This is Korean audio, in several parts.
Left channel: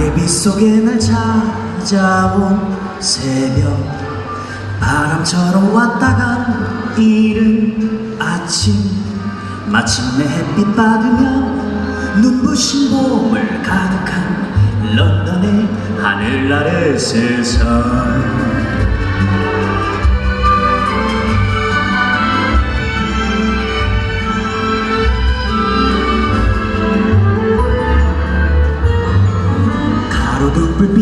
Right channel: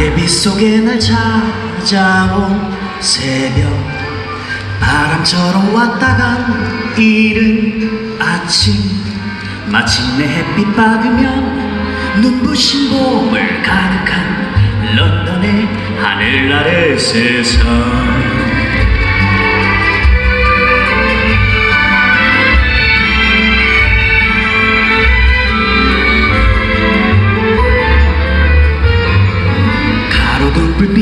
안개빛 속에 날 찾아온 새벽. 바람처럼 왔다 간 이른 아침. 마침내 햇빛 받으며 눈부신 봄을 가득한 런던의 하늘 아래 세상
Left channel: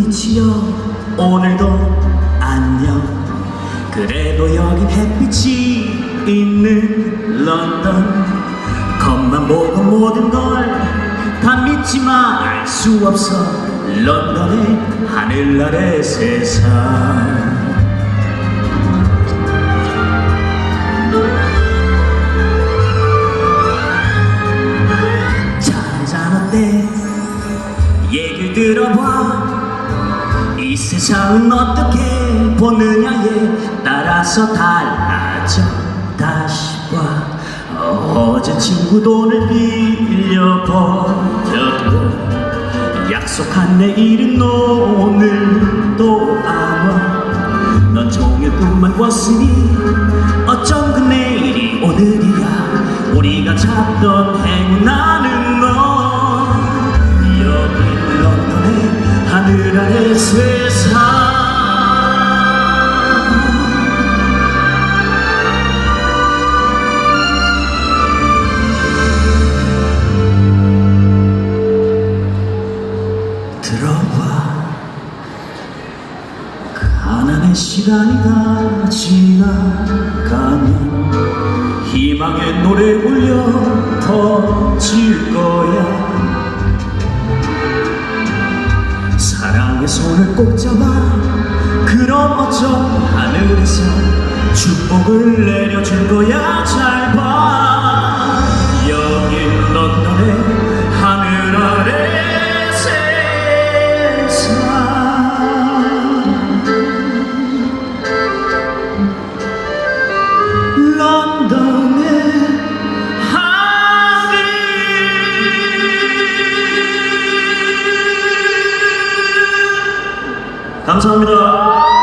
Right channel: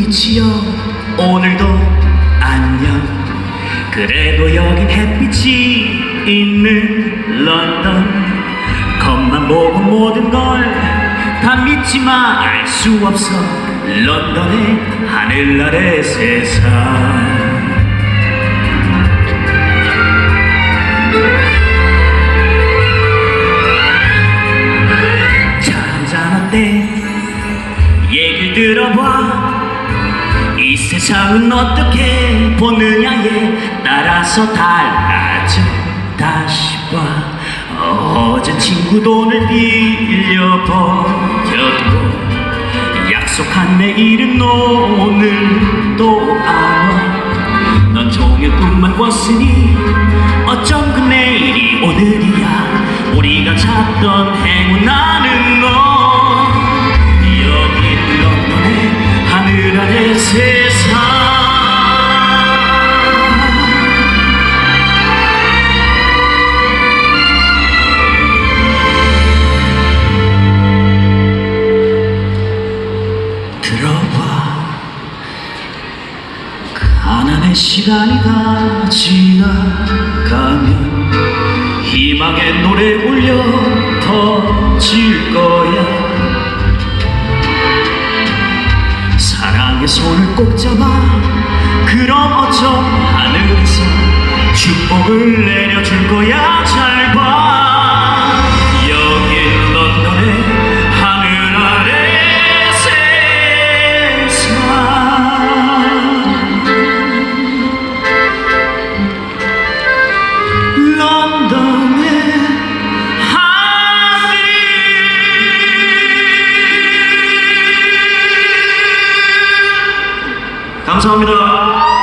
빛이여 오늘도 안녕. 그래도 여긴 햇빛이 있는 런던. 겉만 보고 모든 걸 다 믿지만 알 수 없어 런던의 하늘 아래 세상. 잔잔한데 얘길 들어봐. 이 세상은 어떻게 보느냐에 따라서 달라져 다시 봐 어제 친구 돈을 빌려 버렸고 약속한 내일은 오늘도 안와넌 종일 꿈만 꿨으니 어쩜 그 내일이 오늘이야. 우리가 찾던 행운하는 시간이 다 지나가면 희망의 노래 울려 터질 거야. 사랑의 손을 꼭 잡아 그럼 어쩜 하늘에서 축복을 내려줄 거야 감사합니다.